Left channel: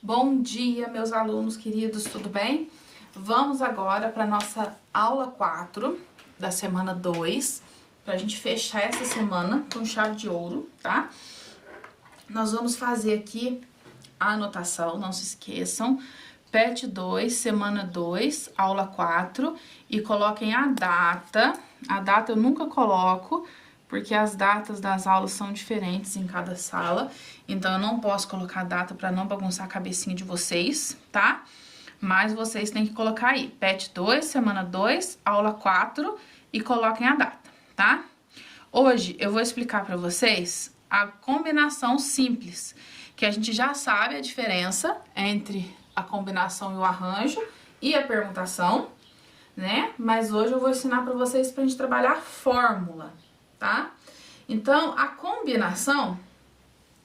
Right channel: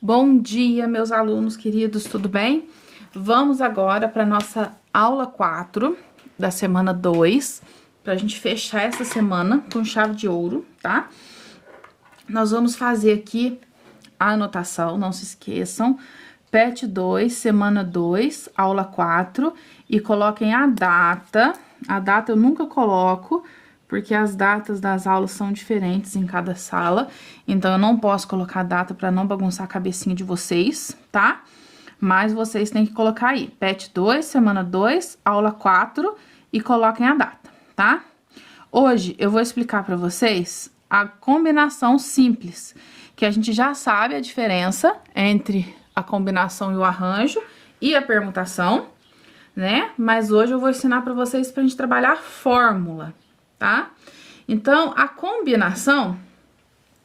Bom dia, meus alunos queridos, tudo bem? Vamos agora para nossa aula 4 da semana 2, para a gente fechar essa semana com chave de ouro, tá? Nós vamos fazer aqui a anotação, não se esqueçam, PET 2, semana 2, aula 4, e coloquem a data. A data eu nunca coloco, porque as datas das aulas são diferentes em cada sala, então eu não posso colocar a data para não bagunçar a cabecinha de vocês, tá? Mas vocês têm que colocar aí, PET 2, semana 2, aula 4, e coloquem a data, tá? Hoje eu vou explicar para vocês a combinação simples, que a gente já sabe a diferença entre a combinação e o arranjo e a permutação, né? Mas hoje eu vou ensinar para vocês pra gente trabalhar a fórmula, tá? Então, a combinação,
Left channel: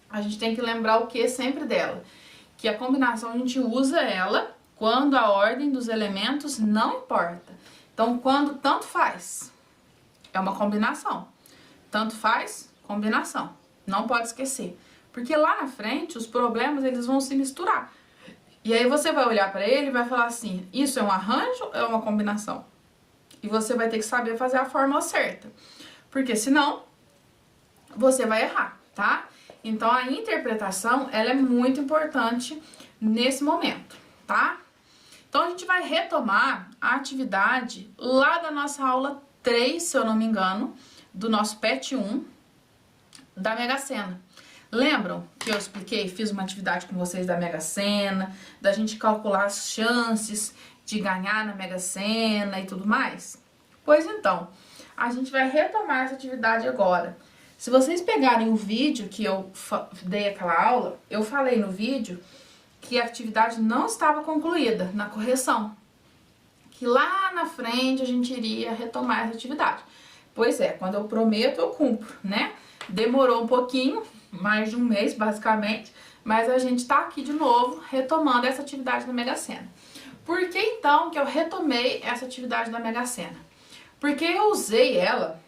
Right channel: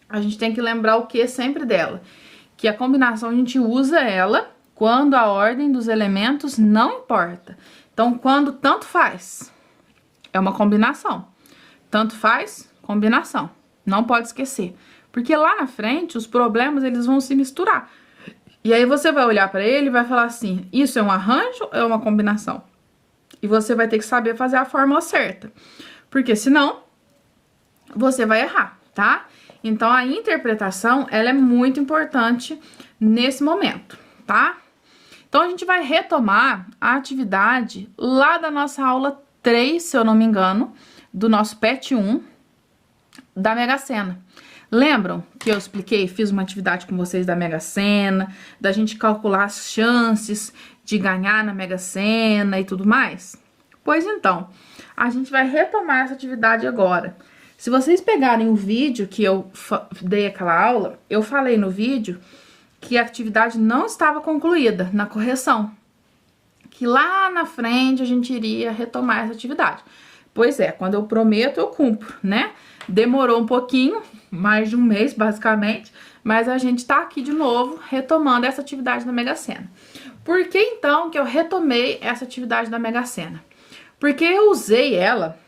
a gente tem que lembrar o que sempre dela? Que a combinação a gente usa ela quando a ordem dos elementos não importa. Então, quando tanto faz, é uma combinação. Tanto faz, combinação. Não pode esquecer. Porque lá na frente, os problemas, eles vão se misturar. E aí você vai olhar para ele e vai falar assim, isso é um arranjo ou é uma combinação? E você vai ter que saber fazer a fórmula certa. Porque senão, você vai errar, tá? Então, a interpretação, ela é muito importante nesse momento, tá? Então, a gente vai retomar a atividade lá da nossa aula 3, se eu não me engano, do nosso PET 1, da Mega Sena. Lembram que eu expliquei, fiz uma atividade com vocês da Mega Sena, da gente calcular as chances de ganhar na Mega Sena e tudo mais? Pois então, a gente vai retomar essa atividade agora. Se vocês pegarem o vídeo que eu dei aquela aula, eu falei no vídeo que a atividade não estava concluída na correção. Que lá na frente a gente iria retomar essa atividade. Pois é, quando eu prometo, eu cumpro, né? Demorou um pouquinho, mais de um mês, basicamente, mas a gente tá aqui de novo, retomando essa atividade da Mega Sena. Por que, então, que eu retomei essa atividade da Mega Sena? Porque eu usei ela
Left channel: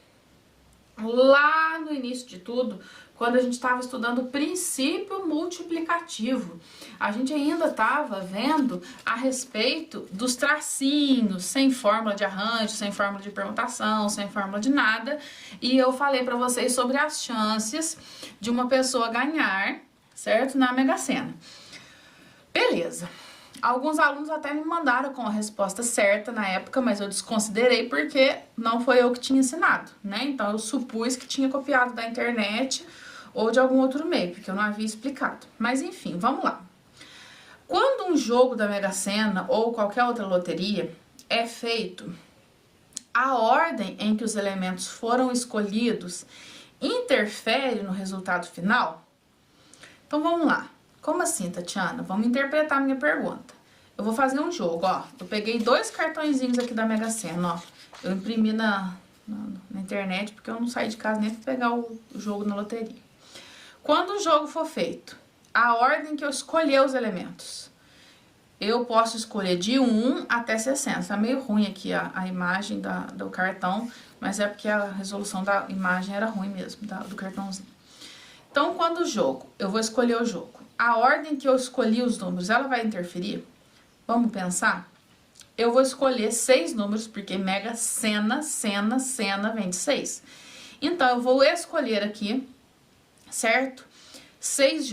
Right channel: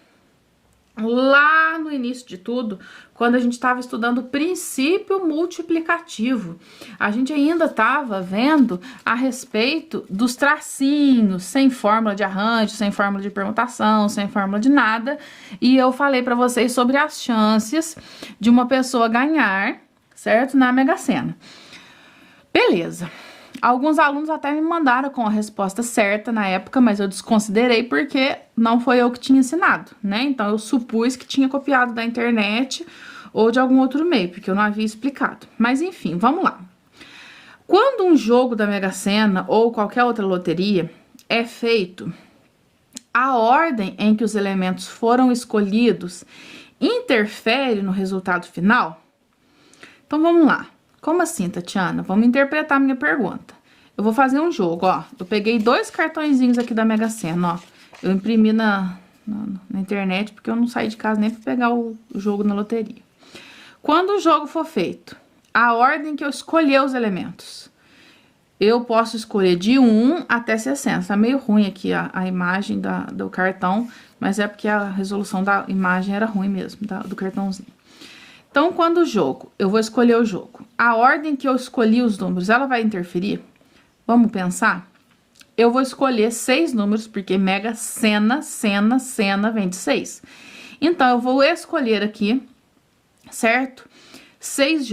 lá no início de tudo, quando a gente estava estudando o princípio multiplicativo. A gente ainda estava vendo a respeito dos tracinhos, sem fórmula de arranjo, sem fórmula de permutação, sem fórmula de nada. E eu falei para vocês sobre as chances de uma pessoa ganhar, certo? Na Mega Sena. Beleza. Alguns alunos até me mandaram com a resposta certa na época, mas eu desconsiderei porque não foi eu que tinha ensinado, né? Então, eu supus que tinha copiado da internet ou de algum outro meio, porque eu não havia explicado. Mas, enfim, vamos lá. Quando um jogo da Mega Sena ou qualquer outra loteria é feito, a ordem em que os elementos foram escolhidos interfere no resultado final? Então, vamos lá. Como assim, Tatiana? Vamos interpretar a minha pergunta. Eu vou fazer um jogo, ó. Eu peguei 2 cartõezinhos aqui da Mega Sena, ó. Eu imprimi na internet, porque eu não saí de casa nem pra pegar o jogo na loteria. Quando o jogo for feito, a ordem que eu escolher os elementos, eu posso escolher de 1 até 60. Tá meio ruim aqui a imagem do cartão, mas é porque a resolução da imagem era ruim mesmo, do cartãozinho. Então, quando o jogo, eu vou escolher o jogo, a ordem que eu escolhi os números, ela vai interferir? Vamos pensar? Eu vou escolher 6 números, porque Mega Sena, Sena vem de 6. Então, eu vou escolher aqui, certo? 6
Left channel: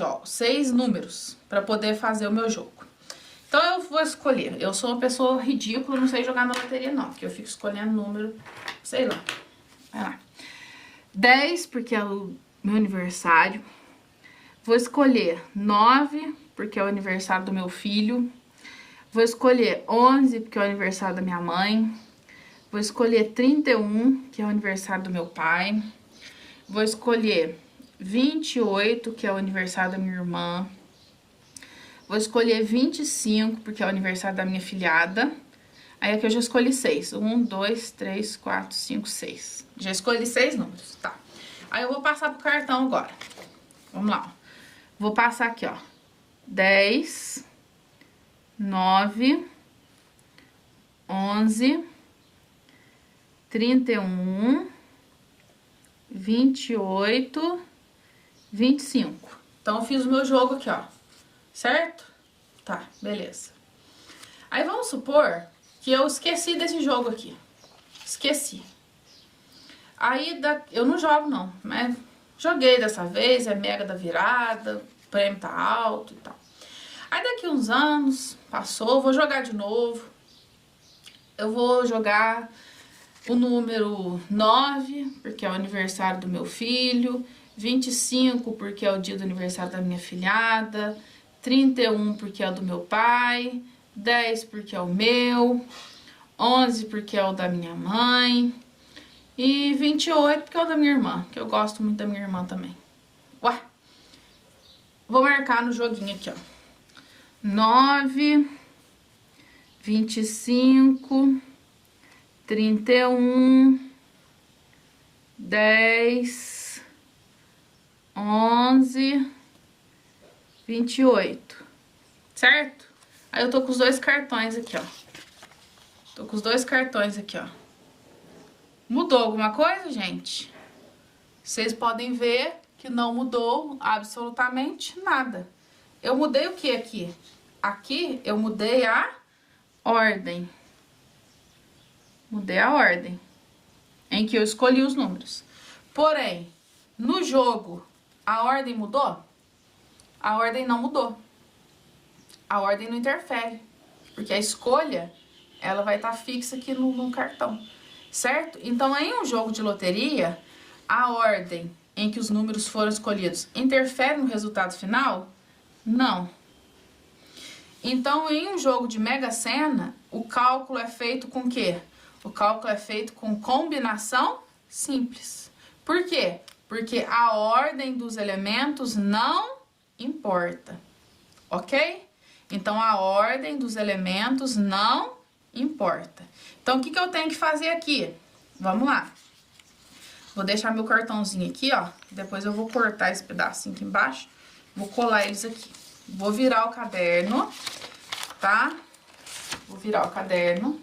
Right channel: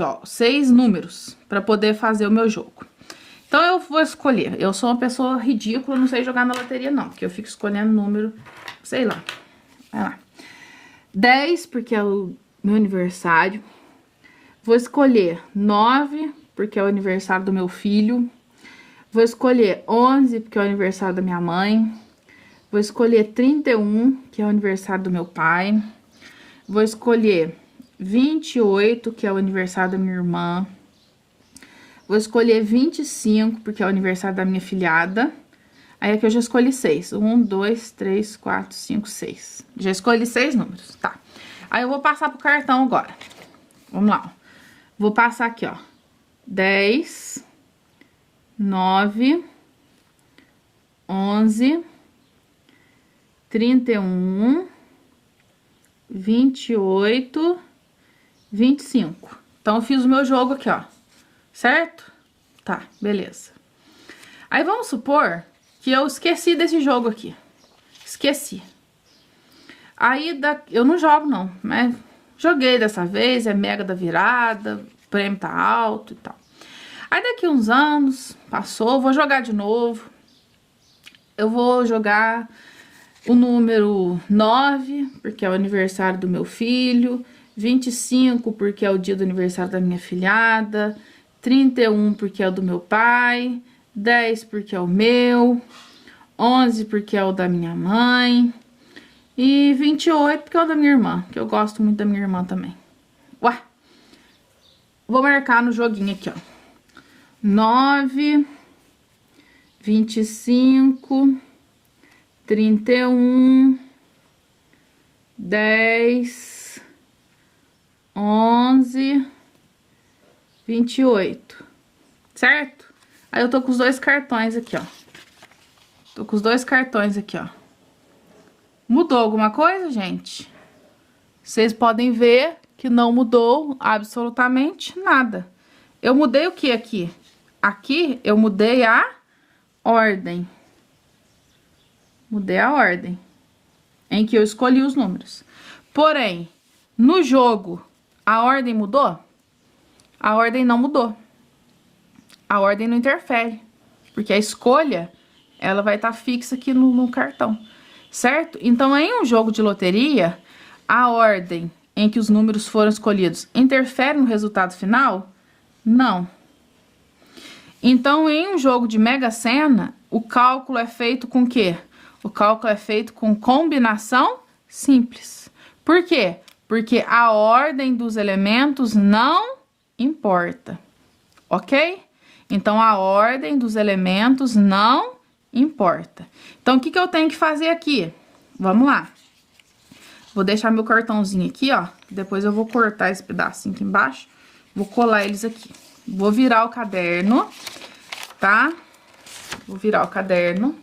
números, para poder fazer o meu jogo. Então, eu vou escolher. Eu sou uma pessoa ridícula, não sei jogar na loteria, não, porque eu fico escolhendo número, sei lá. Vai lá. 10, porque é o meu aniversário. Vou escolher 9, porque é o aniversário do meu filho. Vou escolher 11, porque é o aniversário da minha mãe. Vou escolher 31, que é o aniversário do meu pai. Vou escolher 28, que é o aniversário da minha irmã. Vou escolher 25, porque é o aniversário da minha filhada. Aí aqui eu já escolhi 6. 1, 2, 3, 4, 5, 6. Já escolhi 6 números, tá? Aí eu vou passar pro cartão agora. Vamos lá, ó. Vou passar aqui, ó. 10, 9, 11, 31, 28, 25. Então, eu fiz o meu jogo aqui, ó. Certo? Tá, beleza. Aí vamos supor que eu esqueci desse jogo aqui. Esqueci. Aí eu não jogo não, mas joguei dessa vez, é mega da virada, o prêmio tá alto e tal. Aí daqui uns anos, passou, vou jogar de novo. Eu vou jogar o número 9, porque é o aniversário do meu filho, 25, porque é o dia do aniversário da minha filhada, 31, porque é o do meu pai, 10, porque é o meu, 11, porque é o da minha mãe, e 28, porque é o da minha irmã, que eu gosto muito da minha irmã também. Ué, vou marcar no joguinho aqui, ó. 9, 25, 31, 10, 11, 28, certo? Aí eu tô com os dois cartões aqui, ó. Tô com os dois cartões aqui, ó. Mudou alguma coisa, gente? Vocês podem ver que não mudou absolutamente nada. Eu mudei o que aqui? Aqui eu mudei a ordem. Mudei a ordem em que eu escolhi os números. Porém, no jogo, a ordem mudou? A ordem não mudou. A ordem não interfere, porque a escolha, ela vai estar fixa aqui no cartão, certo? Então, em um jogo de loteria, a ordem em que os números foram escolhidos interfere no resultado final? Não. Então, em um jogo de Mega Sena, o cálculo é feito com o quê? O cálculo é feito com combinação simples. Por quê? Porque a ordem dos elementos não importa, ok? Então, a ordem dos elementos não importa. Então, o que eu tenho que fazer aqui? Vamos lá. Vou deixar meu cartãozinho aqui, ó. Depois eu vou cortar esse pedacinho aqui embaixo. Vou colar eles aqui. Vou virar o caderno, tá? Vou virar o caderno.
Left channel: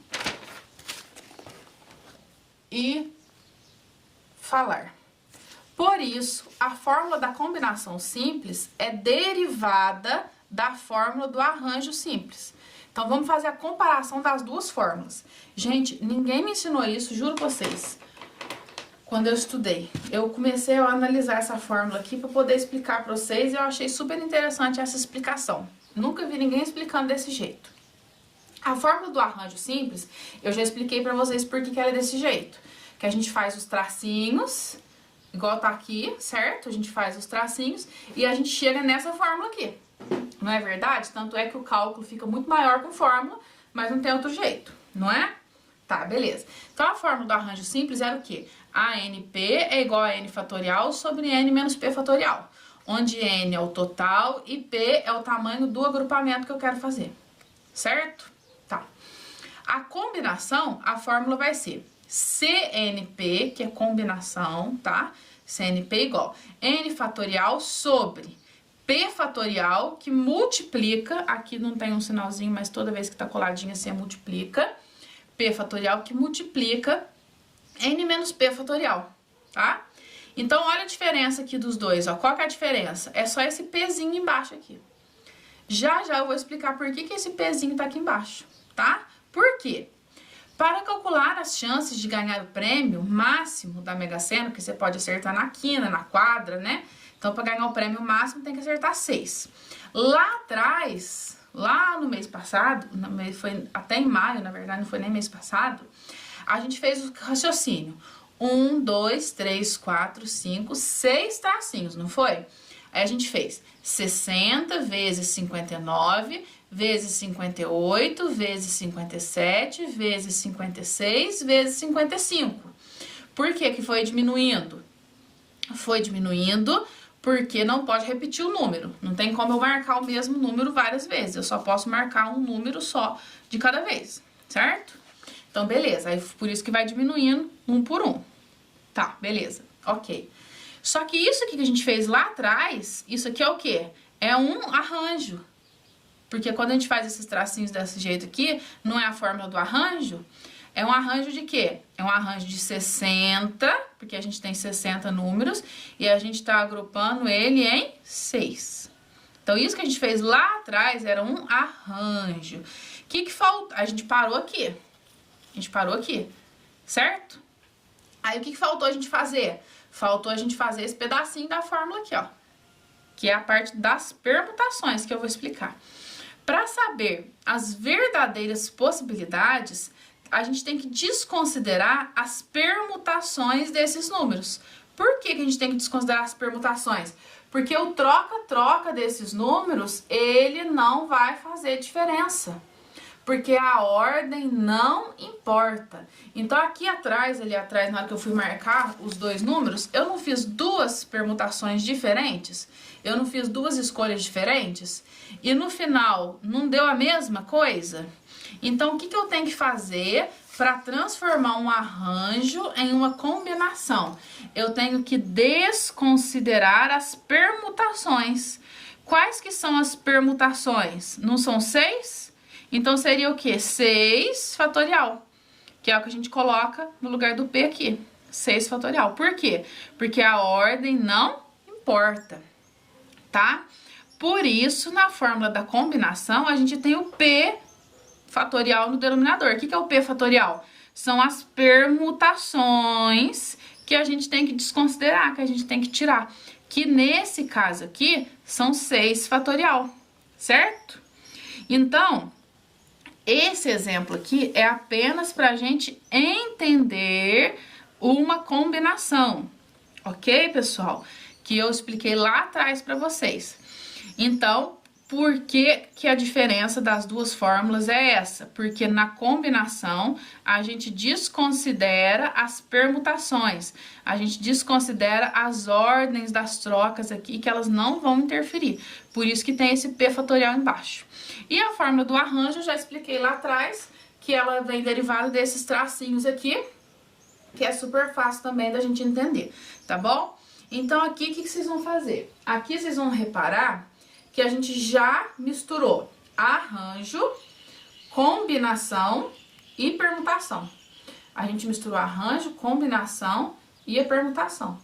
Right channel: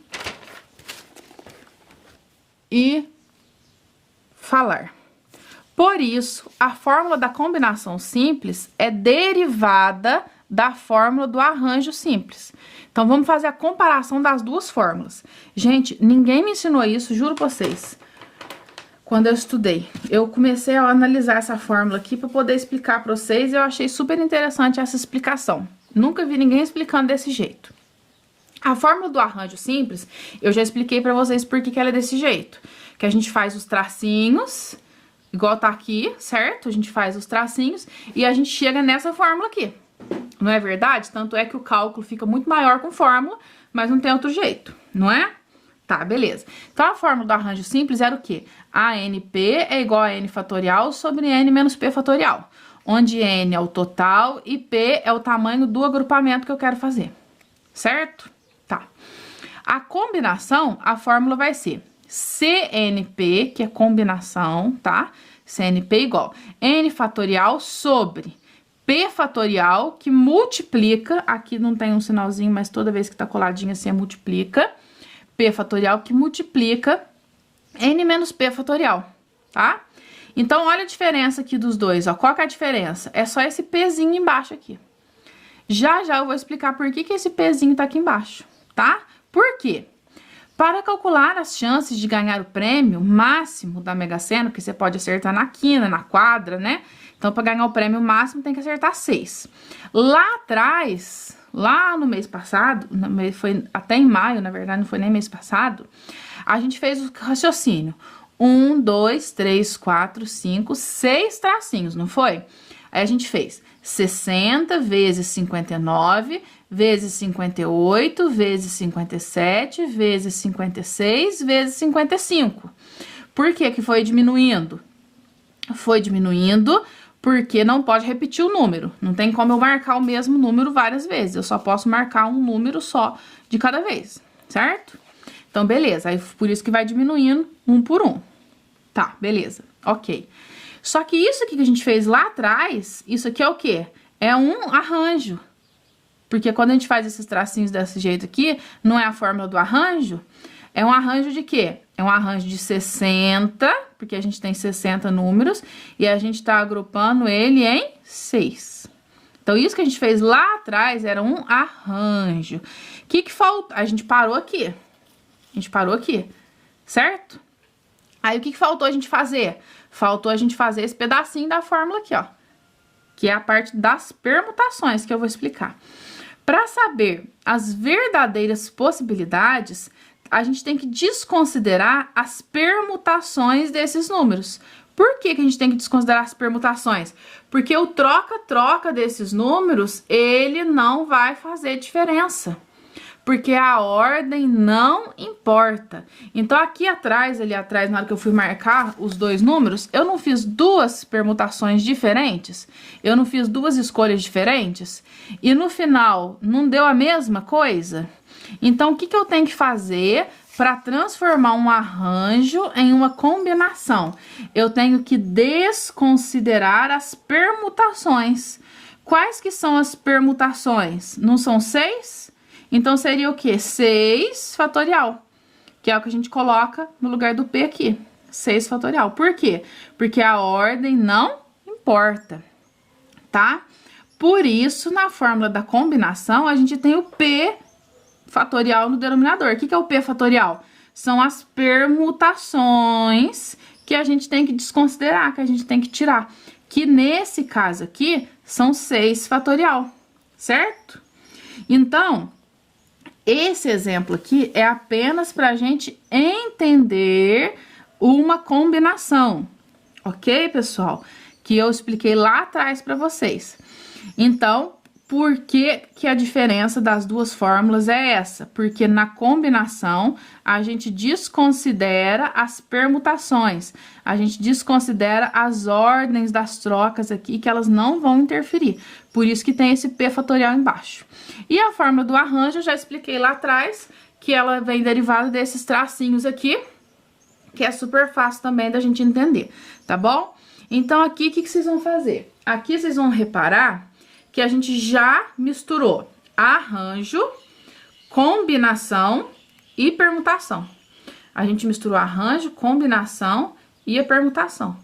E falar. Por isso, a fórmula da combinação simples é derivada da fórmula do arranjo simples. Então, vamos fazer a comparação das duas fórmulas. Gente, ninguém me ensinou isso, juro pra vocês. Quando eu estudei, eu comecei a analisar essa fórmula aqui para poder explicar para vocês e eu achei super interessante essa explicação. Nunca vi ninguém explicando desse jeito. A fórmula do arranjo simples, eu já expliquei para vocês por que ela é desse jeito. Que a gente faz os tracinhos, igual tá aqui, certo? A gente faz os tracinhos e a gente chega nessa fórmula aqui. Não é verdade? Tanto é que o cálculo fica muito maior com fórmula, mas não tem outro jeito, não é? Tá, beleza. Então, a fórmula do arranjo simples era o quê? ANP é igual a N fatorial sobre N menos P fatorial. Onde N é o total e P é o tamanho do agrupamento que eu quero fazer. Certo? Tá. A combinação, a fórmula vai ser CNP, que é combinação, tá? CNP igual N fatorial sobre P fatorial, que multiplica, aqui não tem um sinalzinho, mas toda vez que tá coladinho assim, multiplica. P fatorial que multiplica N menos P fatorial, tá? Então, olha a diferença aqui dos dois, ó. Qual que é a diferença? É só esse Pzinho embaixo aqui. Já eu vou explicar por que esse Pzinho tá aqui embaixo, tá? Por quê? Para calcular as chances de ganhar o prêmio máximo da Mega Sena, que você pode acertar na quina, na quadra, né? Então, para ganhar o prêmio máximo, tem que acertar 6. Lá atrás, lá no mês passado, foi até em maio, na verdade, não foi nem mês passado, a gente fez o raciocínio. 1, 2, 3, 4, 5, 6 tracinhos, não foi? Aí a gente fez 60 vezes 59, vezes 58, vezes 57, vezes 56, vezes 55. Por que que foi diminuindo? Foi diminuindo porque não pode repetir o número. Não tem como eu marcar o mesmo número várias vezes. Eu só posso marcar um número só de cada vez, certo? Então, beleza. Aí, por isso que vai diminuindo um por um. Tá, beleza. Ok. Só que isso aqui que a gente fez lá atrás, isso aqui é o quê? É um arranjo. Porque quando a gente faz esses tracinhos desse jeito aqui, não é a fórmula do arranjo, é um arranjo de quê? É um arranjo de 60, porque a gente tem 60 números, e a gente tá agrupando ele em 6. Então, isso que a gente fez lá atrás era um arranjo. O que falta? A gente parou aqui. A gente parou aqui, certo? Aí, o que faltou a gente fazer? Faltou a gente fazer esse pedacinho da fórmula aqui, ó. Que é a parte das permutações, que eu vou explicar. Para saber as verdadeiras possibilidades, a gente tem que desconsiderar as permutações desses números. Por que a gente tem que desconsiderar as permutações? Porque o troca-troca desses números, ele não vai fazer diferença. Porque a ordem não importa. Então, aqui atrás, ali atrás, na hora que eu fui marcar os dois números, eu não fiz duas permutações diferentes? Eu não fiz duas escolhas diferentes? E no final, não deu a mesma coisa? Então, o que eu tenho que fazer para transformar um arranjo em uma combinação? Eu tenho que desconsiderar as permutações. Quais que são as permutações? Não são 6? Então, seria o quê? 6 fatorial, que é o que a gente coloca no lugar do P aqui. 6 fatorial. Por quê? Porque a ordem não importa, tá? Por isso, na fórmula da combinação, a gente tem o P fatorial no denominador. O que é o P fatorial? São as permutações que a gente tem que desconsiderar, que a gente tem que tirar. Que nesse caso aqui, são 6 fatorial, certo? Então, esse exemplo aqui é apenas para a gente entender uma combinação, ok, pessoal? Que eu expliquei lá atrás para vocês. Então, por que a diferença das duas fórmulas é essa? Porque na combinação, a gente desconsidera as permutações, a gente desconsidera as ordens das trocas aqui, que elas não vão interferir. Por isso que tem esse P fatorial embaixo. E a fórmula do arranjo, eu já expliquei lá atrás, que ela vem derivada desses tracinhos aqui, que é super fácil também da gente entender, tá bom? Então, aqui, o que vocês vão fazer? Aqui, vocês vão reparar que a gente já misturou arranjo, combinação e permutação. A gente misturou arranjo, combinação e a permutação.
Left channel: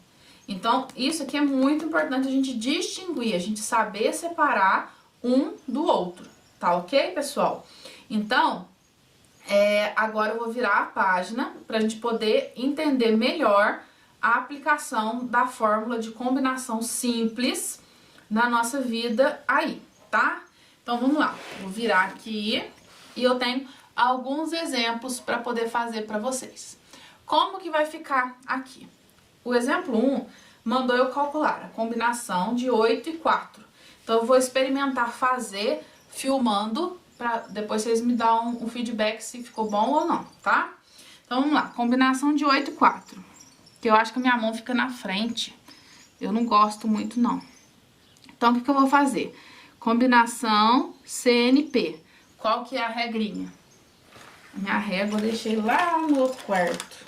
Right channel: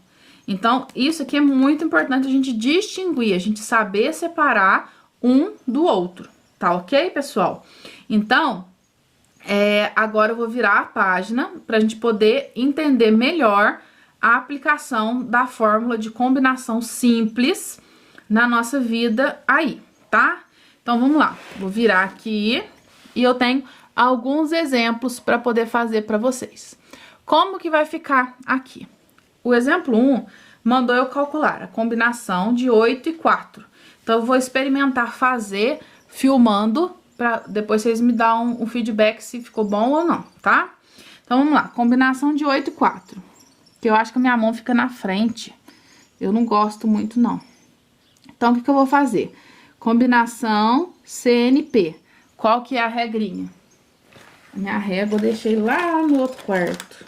Então, isso aqui é muito importante a gente distinguir, a gente saber separar um do outro, tá ok, pessoal? Então, agora eu vou virar a página para a gente poder entender melhor a aplicação da fórmula de combinação simples na nossa vida aí, tá? Então, vamos lá. Vou virar aqui e eu tenho alguns exemplos para poder fazer para vocês. Como que vai ficar aqui? O exemplo 1 mandou eu calcular a combinação de 8 e 4. Então, eu vou experimentar fazer filmando para depois vocês me dão um feedback se ficou bom ou não, tá? Então, vamos lá. Combinação de 8 e 4. Que eu acho que a minha mão fica na frente. Eu não gosto muito, não. Então, o que eu vou fazer? Combinação CNP. Qual que é a regrinha? A minha régua eu deixei lá no outro quarto.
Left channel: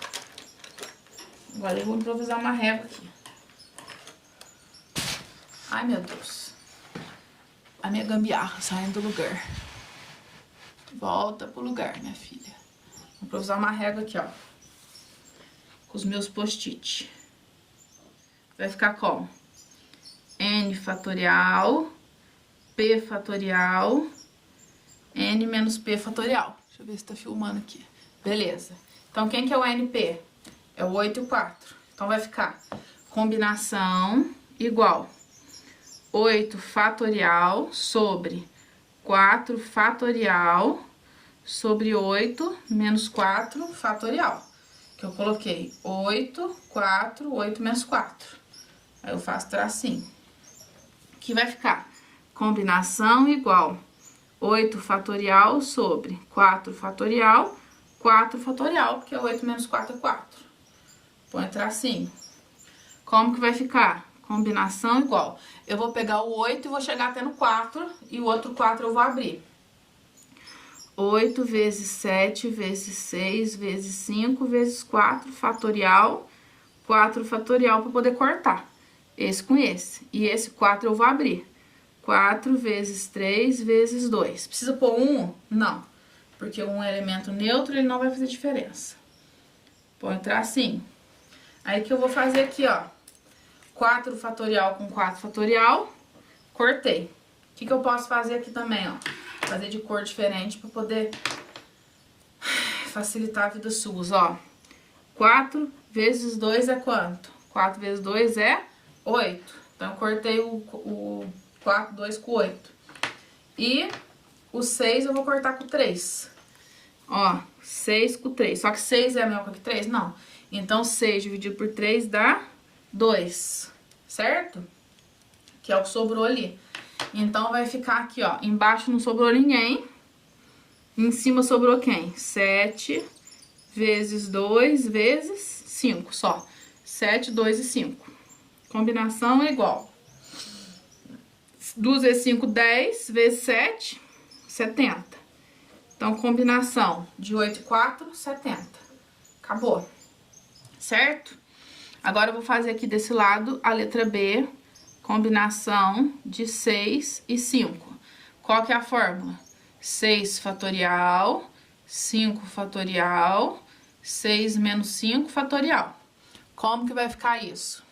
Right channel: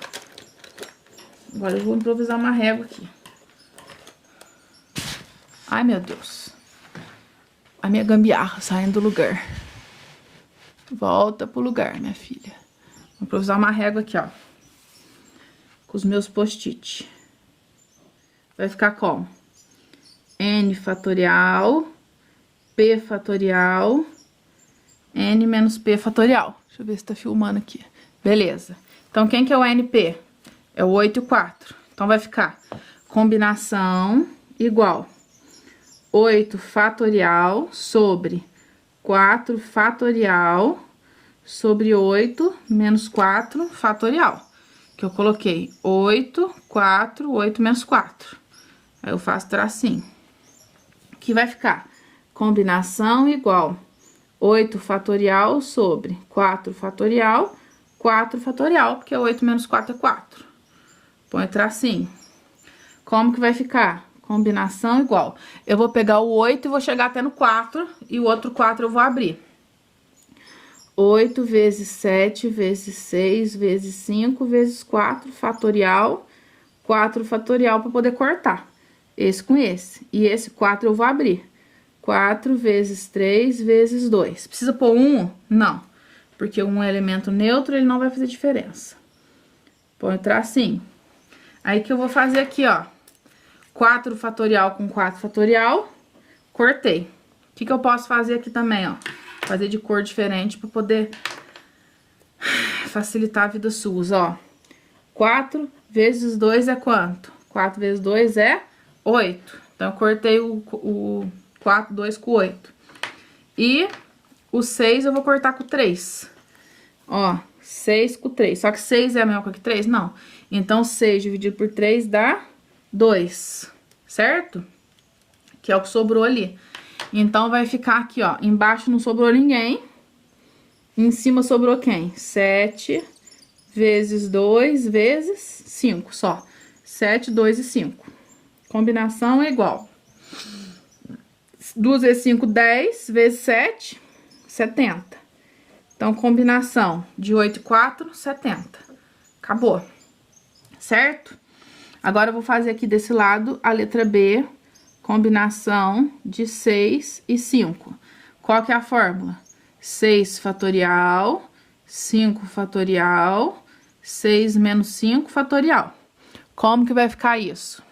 Agora eu vou improvisar uma régua aqui. Ai, meu Deus. A minha gambiarra saindo do lugar. Volta pro lugar, minha filha. Vou improvisar uma régua aqui, ó. Com os meus post-it. Vai ficar como? N fatorial, P fatorial, N menos P fatorial. Deixa eu ver se tá filmando aqui. Beleza. Então, quem que é o NP? É o 8 e o 4. Então, vai ficar combinação igual 8 fatorial sobre 4 fatorial sobre 8 menos 4 fatorial. Que eu coloquei 8, 4, 8 menos 4. Aí, eu faço tracinho. Que vai ficar combinação igual 8 fatorial sobre 4 fatorial, 4 fatorial, porque 8 menos 4 é 4. Põe tracinho. Como que vai ficar? Combinação igual. Eu vou pegar o 8 e vou chegar até no 4, e o outro 4 eu vou abrir. 8 vezes 7 vezes 6 vezes 5 vezes 4 fatorial, 4 fatorial para poder cortar. Esse com esse. E esse 4 eu vou abrir. 4 vezes 3 vezes 2. Precisa pôr 1? Não. Porque 1 é elemento neutro, ele não vai fazer diferença. Põe o tracinho. Aí, que eu vou fazer aqui, ó. 4 fatorial com 4 fatorial. Cortei. que eu posso fazer aqui também, ó? Fazer de cor diferente pra poder facilitar a vida sua, ó. 4 vezes 2 é quanto? 4 vezes 2 é 8. Então, eu cortei o 2 com 8. E o 6 eu vou cortar com 3. Ó, 6 com 3. Só que 6 é a mesma coisa que 3? Não. Então, 6 dividido por 3 dá 2, certo? Que é o que sobrou ali. Então, vai ficar aqui, ó. Embaixo não sobrou ninguém. Em cima sobrou quem? 7 vezes 2 vezes 5 só. 7, 2 e 5. Combinação é igual. 2 vezes 5, 10. Vezes 7, 70. Então, combinação de 8 e 4, 70. Acabou. Certo? Agora, eu vou fazer aqui desse lado a letra B. Combinação de 6 e 5. Qual que é a fórmula? 6 fatorial, 5 fatorial, 6 menos 5 fatorial. Como que vai ficar isso?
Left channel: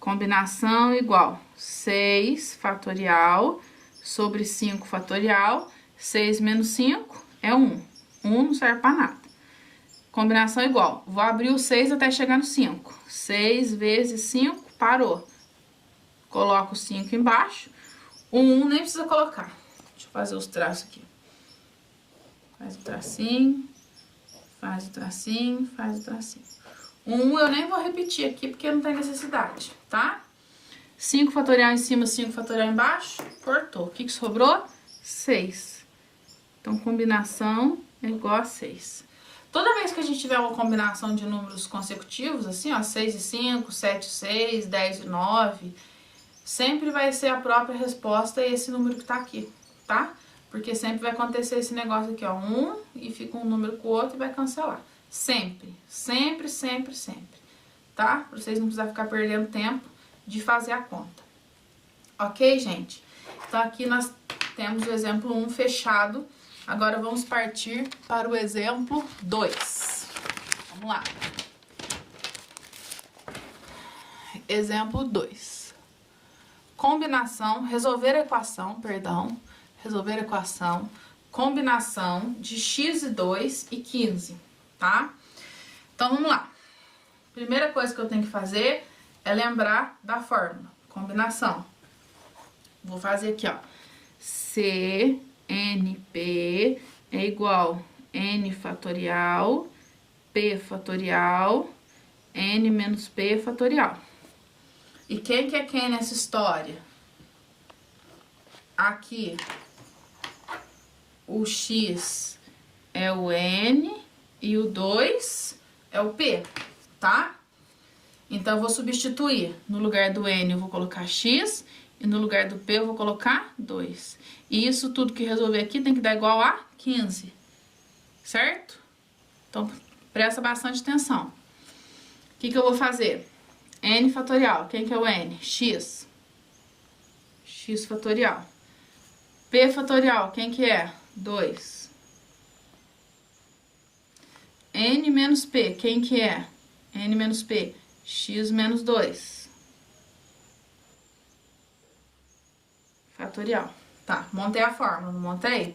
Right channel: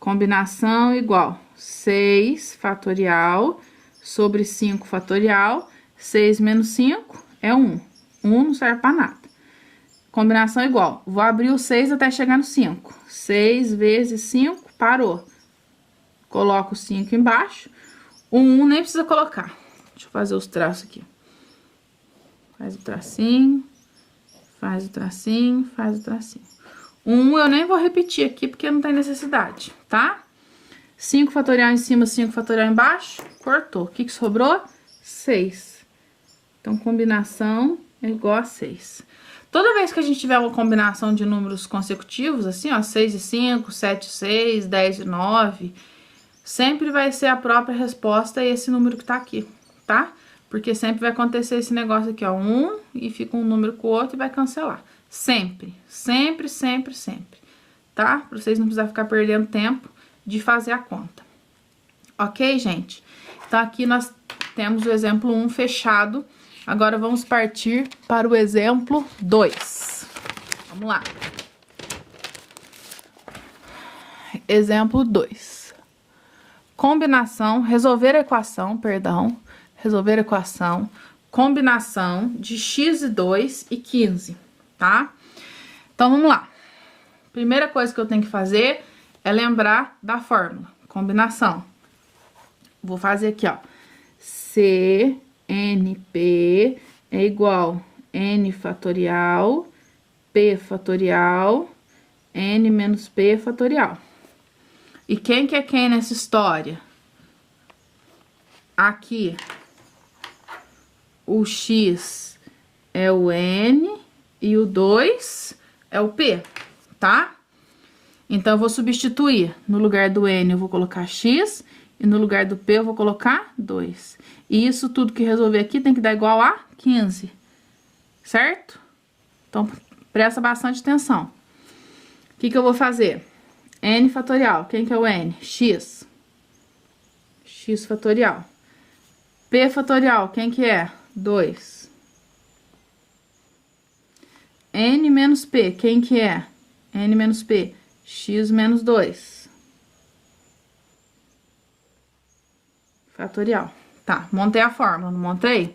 Combinação igual 6 fatorial sobre 5 fatorial. 6 menos 5 é 1. 1 não serve para nada. Combinação igual. Vou abrir o 6 até chegar no 5. 6 vezes 5, parou. Coloco o 5 embaixo. O 1 nem precisa colocar. Deixa eu fazer os traços aqui. Faz o tracinho, faz o tracinho, faz o tracinho. 1 eu nem vou repetir aqui, porque não tem necessidade, tá? 5 fatorial em cima, 5 fatorial embaixo, cortou. O que que sobrou? 6. Então, combinação é igual a 6. Toda vez que a gente tiver uma combinação de números consecutivos, assim, ó, 6 e 5, 7 e 6, 10 e 9, sempre vai ser a própria resposta esse número que tá aqui, tá? Porque sempre vai acontecer esse negócio aqui, ó, 1 e fica um número com o outro e vai cancelar. Sempre, sempre, sempre, sempre, tá? Pra vocês não precisarem ficar perdendo tempo de fazer a conta. Ok, gente? Então, aqui nós temos o exemplo 1 fechado. Agora, vamos partir para o exemplo 2. Vamos lá. Exemplo 2. Combinação, resolver a equação, combinação de x e 2 e 15, tá? Então, vamos lá. Primeira coisa que eu tenho que fazer é lembrar da fórmula, combinação. Vou fazer aqui, ó, CNP é igual N fatorial, P fatorial, N menos P fatorial. E quem que é quem nessa história? Aqui, o X é o N e o 2 é o P, tá? Então, eu vou substituir. No lugar do N, eu vou colocar X. E no lugar do P, eu vou colocar 2. E isso tudo que resolver aqui tem que dar igual a 15. Certo? Então, presta bastante atenção. O que que eu vou fazer? N fatorial. Quem que é o N? X. X fatorial. P fatorial. Quem que é? 2. N menos P. Quem que é? N menos P. X menos 2. Fatorial. Tá, montei a fórmula, não montei?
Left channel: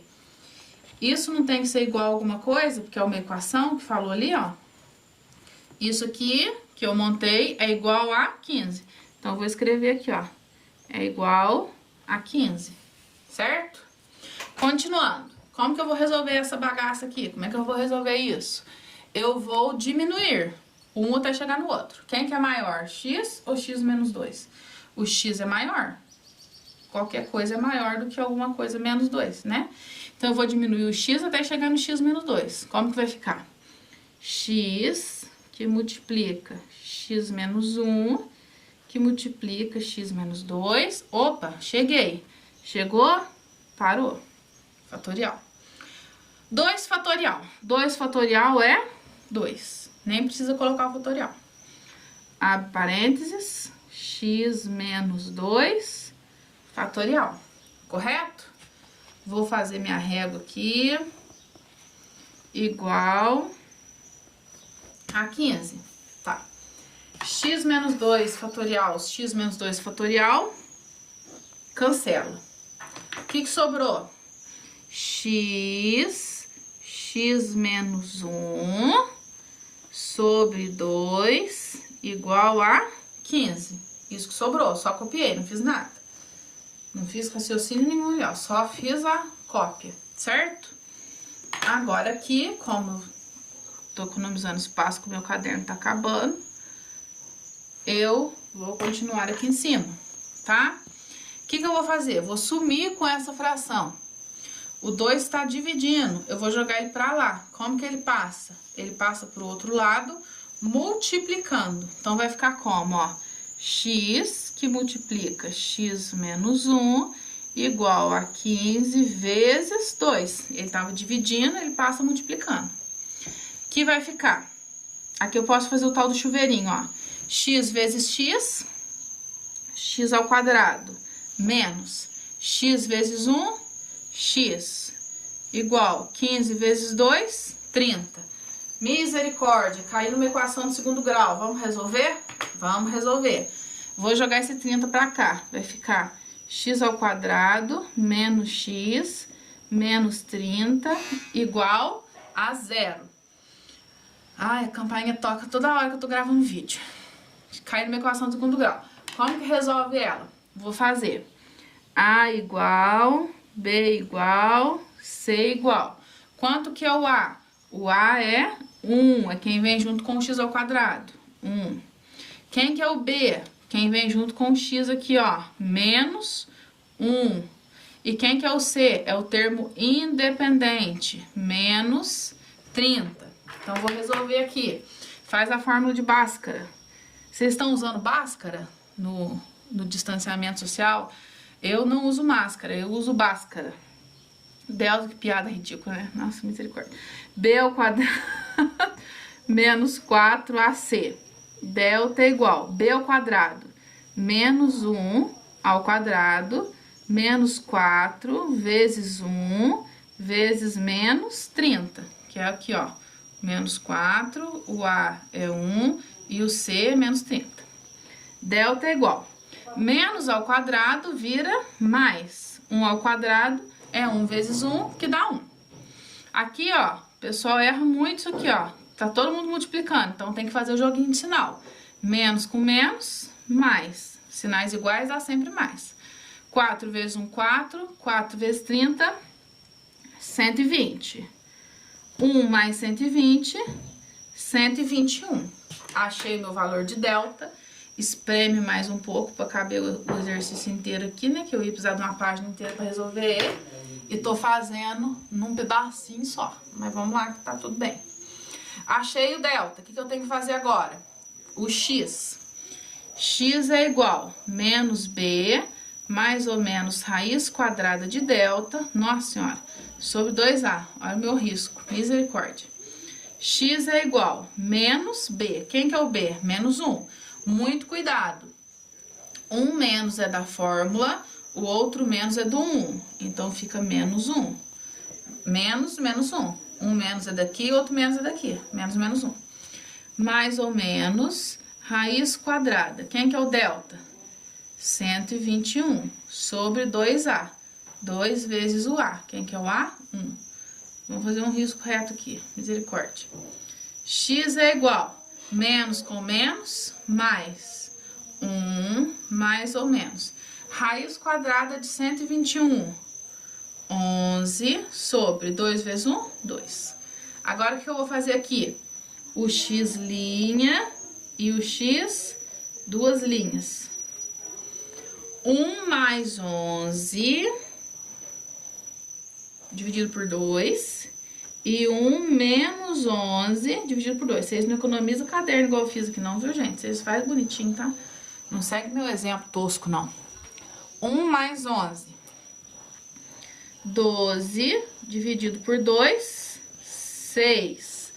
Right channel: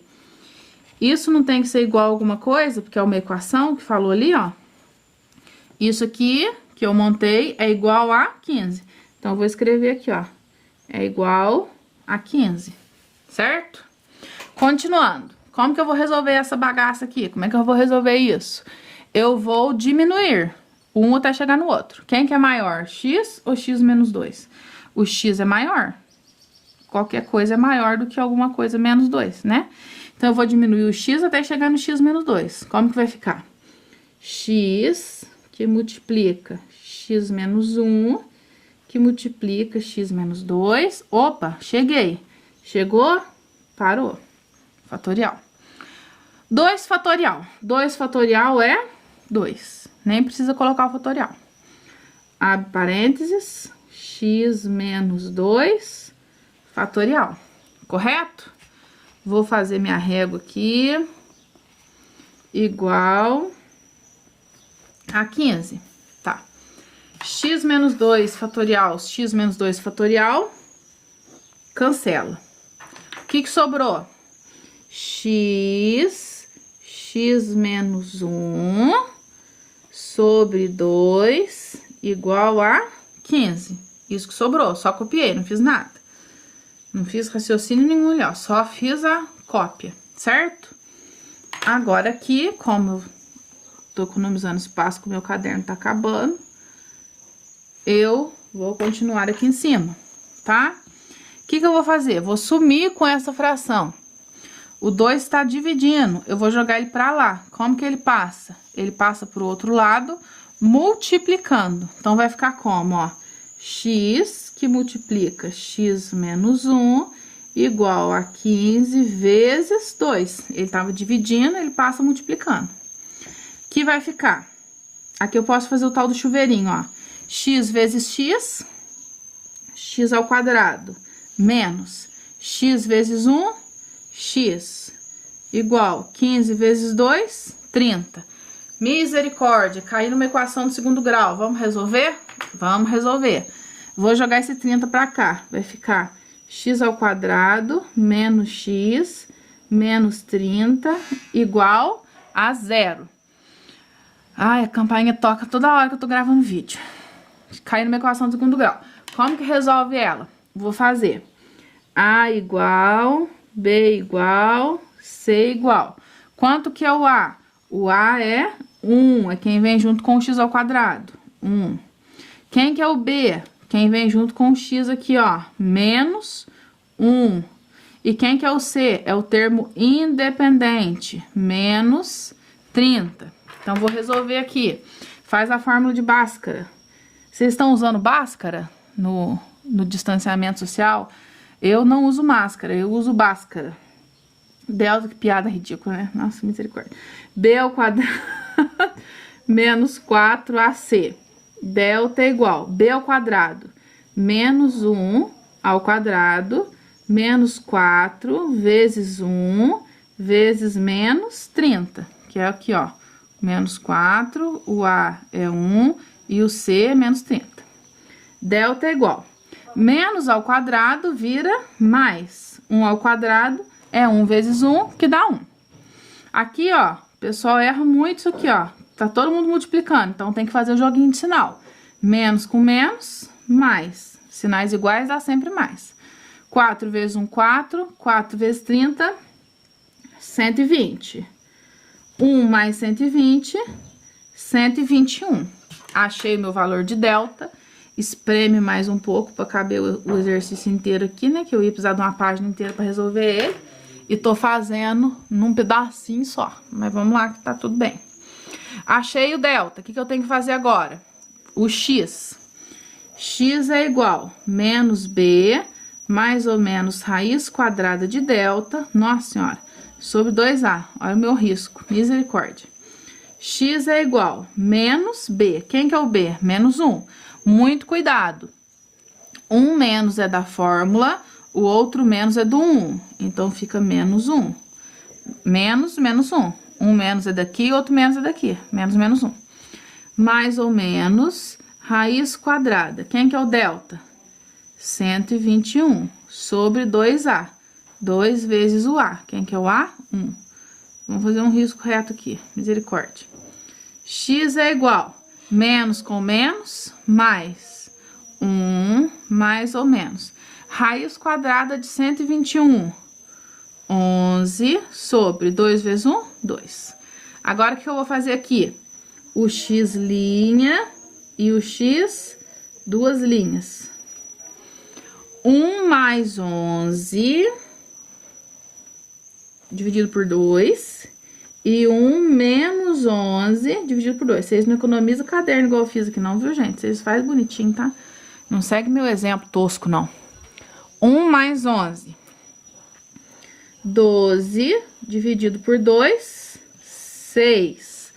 Isso não tem que ser igual a alguma coisa, porque é uma equação que falou ali, ó. Isso aqui, que eu montei, é igual a 15. Então, eu vou escrever aqui, ó. É igual a 15, certo? Continuando. Como que eu vou resolver essa bagaça aqui? Como é que eu vou resolver isso? Eu vou diminuir um até chegar no outro. Quem que é maior, x ou x menos 2? O x é maior. Qualquer coisa é maior do que alguma coisa menos 2, né? Então, eu vou diminuir o x até chegar no x menos 2. Como que vai ficar? X que multiplica x menos 1, que multiplica x menos 2. Opa, cheguei. Chegou? Parou. Fatorial. 2 fatorial. 2 fatorial é 2. Nem precisa colocar o fatorial. Abre parênteses. X menos 2 fatorial. Correto? Vou fazer minha régua aqui. Igual a 15. Tá. X menos 2 fatorial, x menos 2 fatorial. Cancela. que sobrou? X menos 1 sobre 2 igual a 15. Isso que sobrou, só copiei, não fiz nada. Não fiz raciocínio nenhum ali, ó, só fiz a cópia, certo? Agora aqui, como eu tô economizando espaço, que o meu caderno tá acabando, eu vou continuar aqui em cima, tá? O que eu vou fazer? Vou sumir com essa fração. O 2 está dividindo, eu vou jogar ele para lá. Como que ele passa? Ele passa pro outro lado, multiplicando. Então, vai ficar como, ó? X que multiplica x menos 1 igual a 15 vezes 2. Ele estava dividindo, ele passa multiplicando. Que vai ficar? Aqui eu posso fazer o tal do chuveirinho, ó. X vezes x, x ao quadrado, menos x vezes 1, x, igual 15 vezes 2, 30. Misericórdia, caiu numa equação do segundo grau. Vamos resolver? Vamos resolver. Vou jogar esse 30 pra cá. Vai ficar x ao quadrado menos x menos 30 igual a 0. Ai, a campainha toca toda hora que eu tô gravando vídeo. Caiu numa equação do segundo grau. Como que resolve ela? Vou fazer A igual, B igual, C igual. Quanto que é o A? O A é 1, é quem vem junto com o x ao quadrado. 1. Quem que é o B? Quem vem junto com o x aqui, ó, menos 1. E quem que é o C? É o termo independente, menos 30. Então, vou resolver aqui. Faz a fórmula de Bhaskara. Vocês estão usando Bhaskara no distanciamento social? Eu não uso máscara, eu uso Bhaskara. Delta, que piada ridícula, né? Nossa, misericórdia. B ao quadrado menos 4AC. Delta é igual B ao quadrado menos 1 ao quadrado menos 4 vezes 1 vezes menos 30. Que é aqui, ó. Menos 4, o A é 1 e o C é menos 30. Delta é igual. Menos ao quadrado vira mais. 1 ao quadrado é 1 vezes 1, que dá 1. Aqui, ó, o pessoal erra muito isso aqui, ó. Tá todo mundo multiplicando, então tem que fazer o joguinho de sinal. Menos com menos, mais. Sinais iguais dá sempre mais. 4 vezes 1, 4. 4 vezes 30, 120. 1 mais 120, 121. Achei meu valor de delta. Espreme mais um pouco para caber o exercício inteiro aqui, né? Que eu ia precisar de uma página inteira para resolver ele. E tô fazendo num pedacinho só. Mas vamos lá que tá tudo bem. Achei o delta. O que eu tenho que fazer agora? O x. X é igual menos b, mais ou menos raiz quadrada de delta. Nossa senhora. Sobre 2a. Olha o meu risco. Misericórdia. X é igual menos b. Quem que é o b? Menos 1. Muito cuidado. 1 menos é da fórmula, o outro menos é do 1. Então, fica menos 1. Menos, menos 1. 1 menos é daqui, outro menos é daqui. Menos, menos 1. Mais ou menos, raiz quadrada. Quem que é o delta? 121 sobre 2A. 2 vezes o A. Quem que é o A? 1. Vamos fazer um risco reto aqui. Misericórdia. X é igual menos com menos, mais 1, mais ou menos. Raiz quadrada de 121. 11 sobre 2 vezes 1, 2. Agora, o que eu vou fazer aqui? O x' e o x, duas linhas. 1 mais 11, dividido por 2, e 1 menos 11, dividido por 2. Vocês não economizam o caderno igual eu fiz aqui não, viu, gente? Vocês fazem bonitinho, tá? Não segue meu exemplo tosco, não. 1 mais 11. 12, dividido por 2, 6.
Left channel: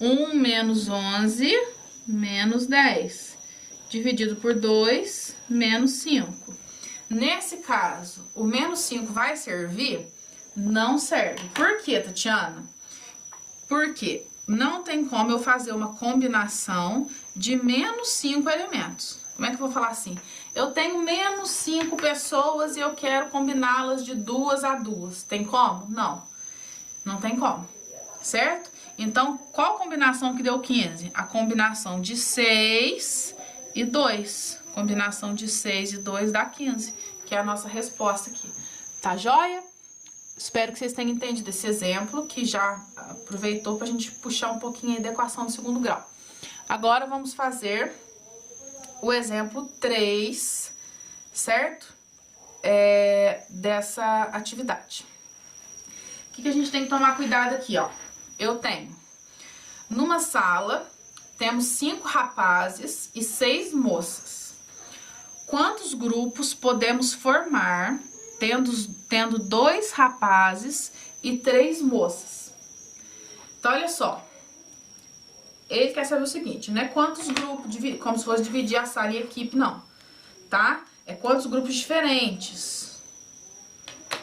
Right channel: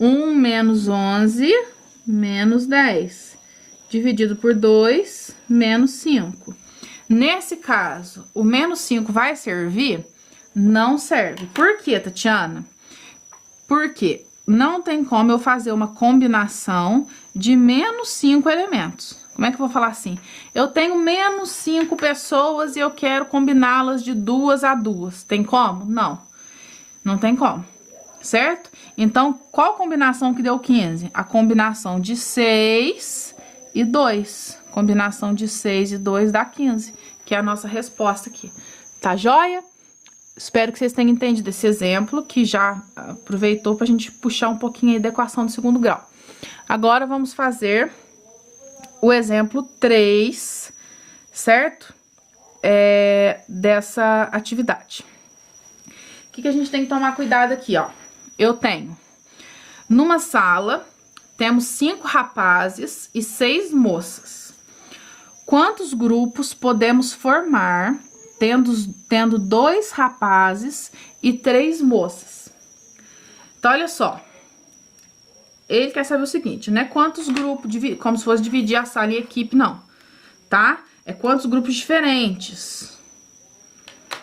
1 menos 11, menos 10. Dividido por 2, menos 5. Nesse caso, o menos 5 vai servir? Não serve. Por quê, Tatiana? Porque não tem como eu fazer uma combinação de menos 5 elementos. Como é que eu vou falar assim? Eu tenho menos 5 pessoas e eu quero combiná-las de 2 a 2. Tem como? Não. Não tem como. Certo? Então, qual combinação que deu 15? A combinação de 6 e 2. Combinação de 6 e 2 dá 15, que é a nossa resposta aqui. Tá joia? Espero que vocês tenham entendido esse exemplo, que já aproveitou pra gente puxar um pouquinho aí da equação do segundo grau. Agora, vamos fazer o exemplo 3, certo? Dessa atividade. O que a gente tem que tomar cuidado aqui, ó? Eu tenho, numa sala, temos 5 rapazes e 6 moças. Quantos grupos podemos formar tendo 2 rapazes e 3 moças? Então, olha só. Ele quer saber o seguinte, não é quantos grupos, como se fosse dividir a sala em equipe, não, tá? É quantos grupos diferentes.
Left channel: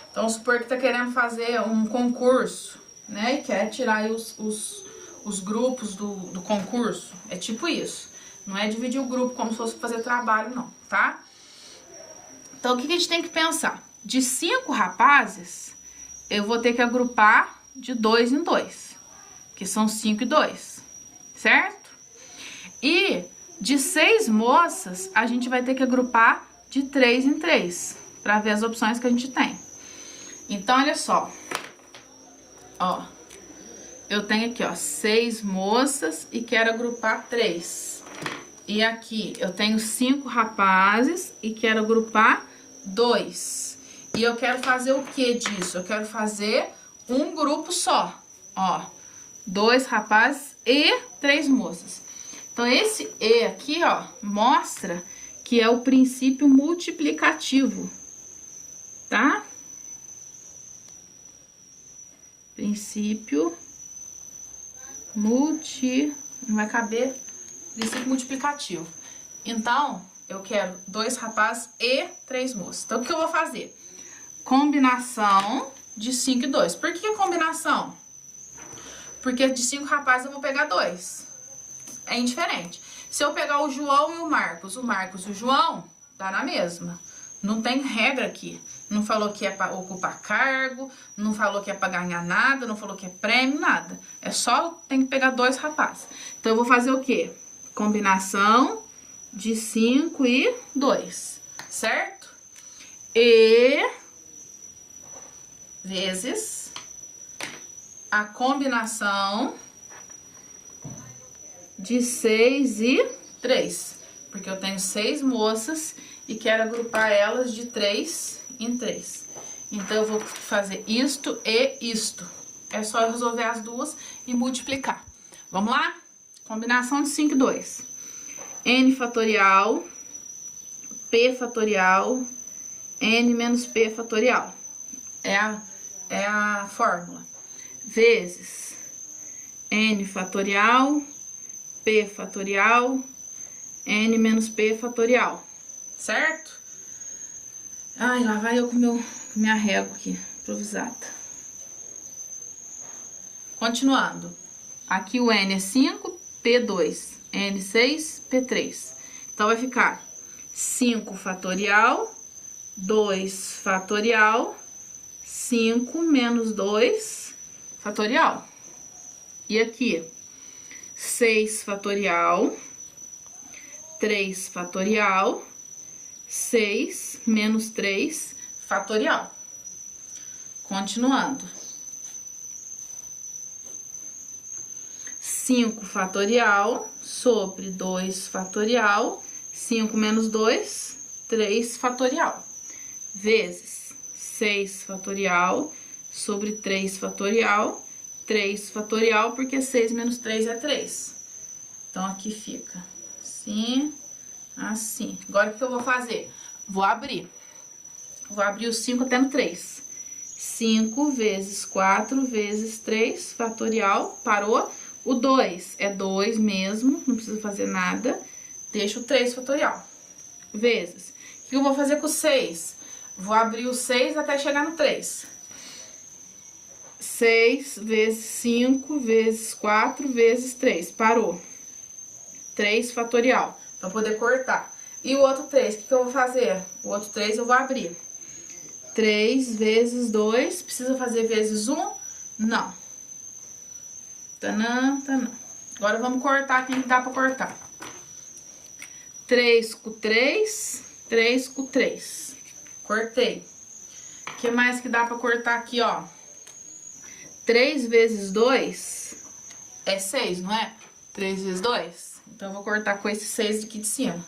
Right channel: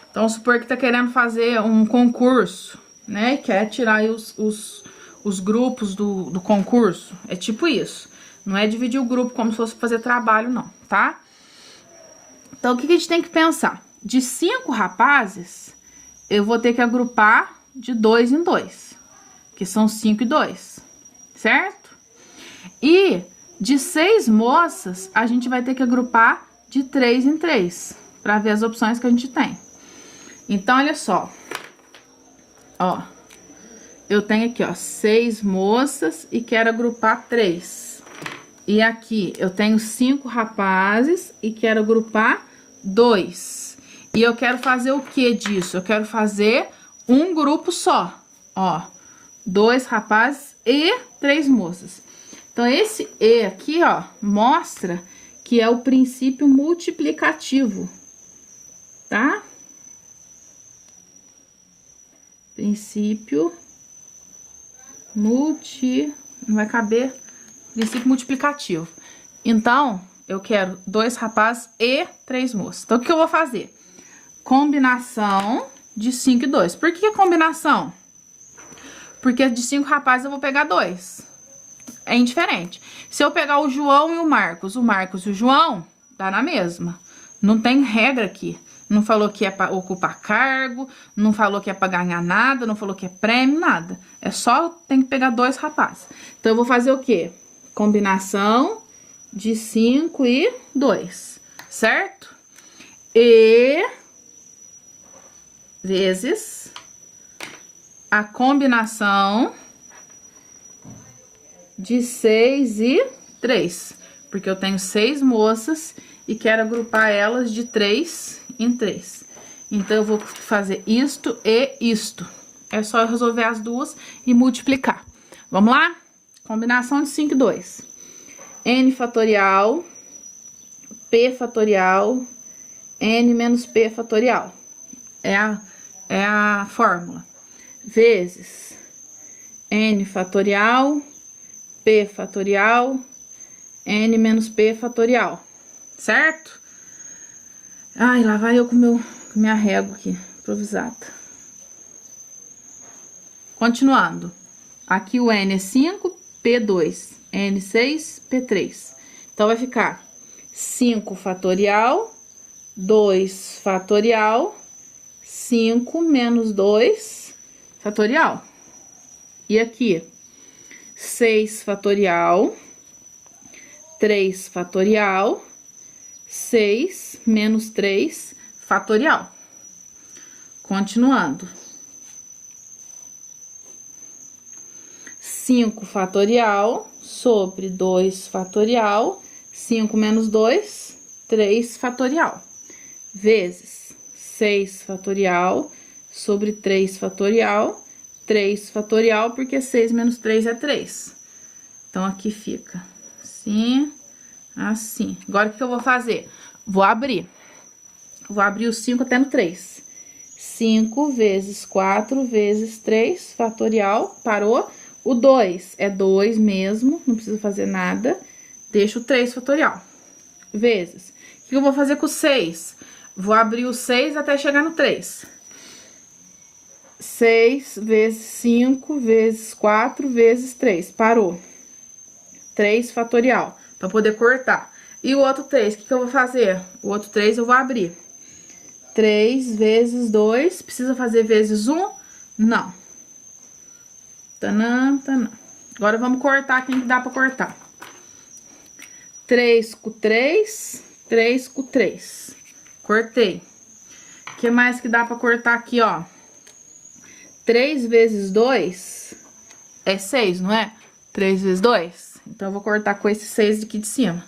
Então, vamos supor que tá querendo fazer um concurso, né? E quer tirar aí os grupos do concurso. É tipo isso. Não é dividir o grupo como se fosse fazer trabalho, não, tá? Então, o que a gente tem que pensar? De 5 rapazes, eu vou ter que agrupar de 2 em 2, que são 5 e 2, certo? E de 6 moças, a gente vai ter que agrupar de 3 em 3, para ver as opções que a gente tem. Então, olha só. Ó, eu tenho aqui, ó, 6 moças e quero agrupar 3. E aqui, eu tenho 5 rapazes e quero agrupar 2. E eu quero fazer o que disso? Eu quero fazer um grupo só, ó. 2 rapazes e 3 moças. Então, esse E aqui, ó, mostra que é o princípio multiplicativo, tá? Princípio não vai caber, princípio multiplicativo. Então, eu quero 2 rapazes e 3 moças. Então, o que eu vou fazer? Combinação de 5 e 2. Por que combinação? Porque de 5 rapazes eu vou pegar 2. É indiferente. Se eu pegar o João e o Marcos e o João, dá na mesma. Não tem regra aqui. Não falou que é para ocupar cargo, não falou que é para ganhar nada, não falou que é prêmio, nada. É só tem que pegar 2 rapazes. Então, eu vou fazer o quê? Combinação de 5 e 2, certo? E vezes a combinação de 6 e 3. Porque eu tenho 6 moças e quero agrupar elas de 3 em 3. Então, eu vou fazer isto e isto. É só eu resolver as duas e multiplicar. Vamos lá? Combinação de 5 e 2. N fatorial, P fatorial, N menos P fatorial. É a fórmula. Vezes N fatorial, P fatorial, N menos P fatorial. Certo? Ai, lá vai eu com minha régua aqui, improvisada. Continuando. Aqui o N é 5, P2, N6, P3. Então, vai ficar 5 fatorial, 2 fatorial, 5 menos 2 fatorial. E aqui, 6 fatorial, 3 fatorial, 6 menos 3 fatorial. Continuando. 5 fatorial sobre 2 fatorial, 5 menos 2, 3 fatorial. Vezes 6 fatorial sobre 3 fatorial, 3 fatorial, porque 6 menos 3 é 3. Então, aqui fica assim, assim. Agora, o que eu vou fazer? Vou abrir o 5 até no 3. 5 vezes 4 vezes 3 fatorial, parou. O 2 é 2 mesmo, não precisa fazer nada. Deixa o 3 fatorial. Vezes. O que eu vou fazer com o 6? Vou abrir o 6 até chegar no 3. 6 vezes 5 vezes 4 vezes 3. Parou. 3 fatorial, para poder cortar. E o outro 3, o que eu vou fazer? O outro 3 eu vou abrir. 3 vezes 2, precisa fazer vezes 1? Não. Tanã, tanã. Agora vamos cortar quem que dá pra cortar. 3 com 3, 3 com 3. Cortei. O que mais que dá pra cortar aqui, ó? 3 vezes 2 é 6, não é? 3 vezes 2. Então, eu vou cortar com esse 6 aqui de cima.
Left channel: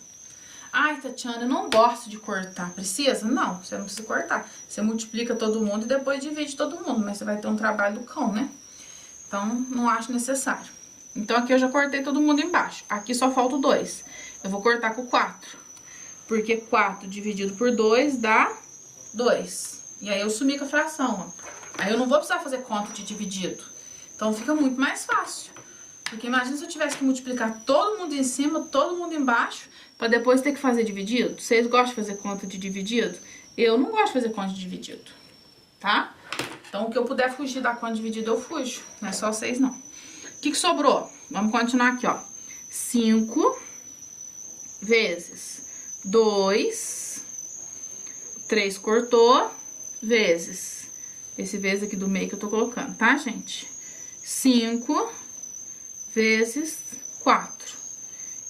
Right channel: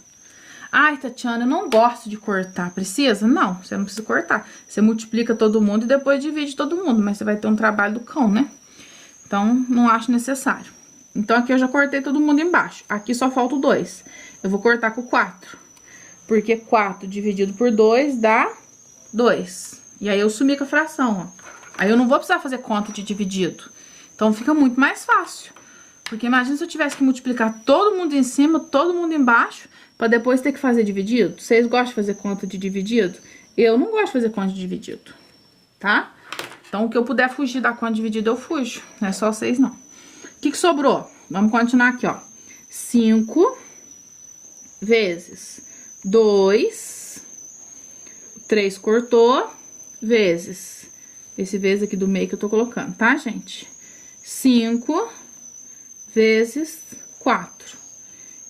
Ai, Tatiana, eu não gosto de cortar. Precisa? Não, você não precisa cortar. Você multiplica todo mundo e depois divide todo mundo. Mas você vai ter um trabalho do cão, né? Então, não acho necessário. Então, aqui eu já cortei todo mundo embaixo. Aqui só falta o 2. Eu vou cortar com o 4. Porque 4 dividido por 2 dá 2. E aí, eu sumi com a fração, ó. Aí, eu não vou precisar fazer conta de dividido. Então, fica muito mais fácil. Porque imagina se eu tivesse que multiplicar todo mundo em cima, todo mundo embaixo, pra depois ter que fazer dividido. Vocês gostam de fazer conta de dividido? Eu não gosto de fazer conta de dividido, tá? Então, o que eu puder fugir da conta de dividido, eu fujo. Não é só vocês, não. O que sobrou? Vamos continuar aqui, ó. 5 vezes 2, 3 cortou, vezes, esse vezes aqui do meio que eu tô colocando, tá, gente? 5 vezes 4.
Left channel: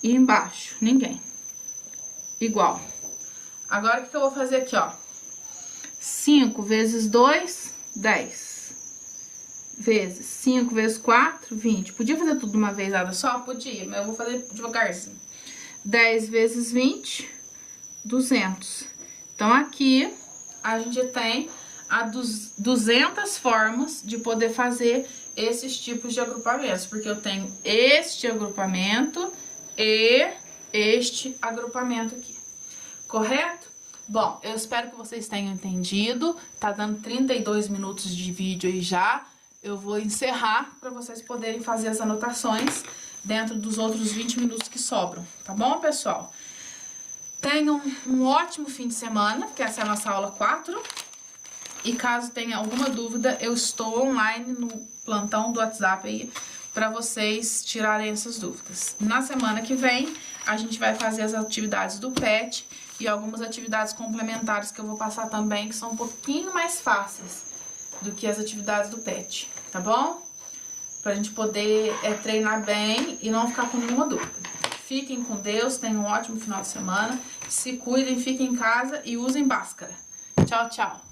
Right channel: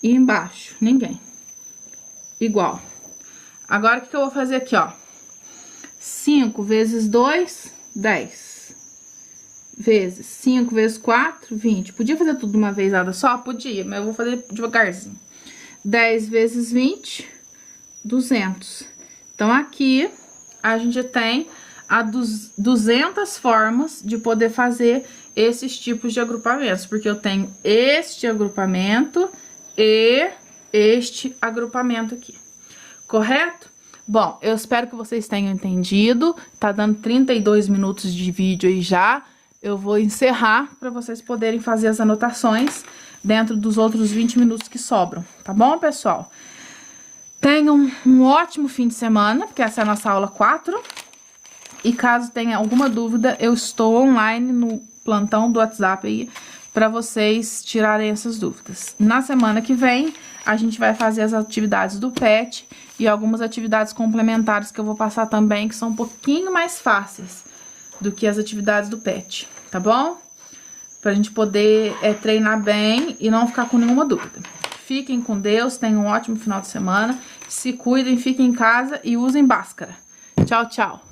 E embaixo, ninguém. Igual. Agora, o que eu vou fazer aqui, ó? 5 vezes 2, 10. Vezes 5 vezes 4, 20. Podia fazer tudo de uma vez só? Podia, mas eu vou fazer devagarzinho. 10 vezes 20, 200. Então, aqui, a gente tem 200 formas de poder fazer esses tipos de agrupamentos. Porque eu tenho este agrupamento e este agrupamento aqui. Correto? Bom, eu espero que vocês tenham entendido. Tá dando 32 minutos de vídeo aí já. Eu vou encerrar para vocês poderem fazer as anotações dentro dos outros 20 minutos que sobram. Tá bom, pessoal? Tenham um ótimo fim de semana, porque essa é a nossa aula 4. E caso tenha alguma dúvida, eu estou online no plantão do WhatsApp aí para vocês tirarem essas dúvidas. Na semana que vem, a gente vai fazer as atividades do PET e algumas atividades complementares que eu vou passar também, que são um pouquinho mais fáceis do que as atividades do PET, tá bom? Pra gente poder treinar bem e não ficar com nenhuma dúvida. Fiquem com Deus, tenham um ótimo final de semana, se cuidem, fiquem em casa e usem máscara. Tchau, tchau!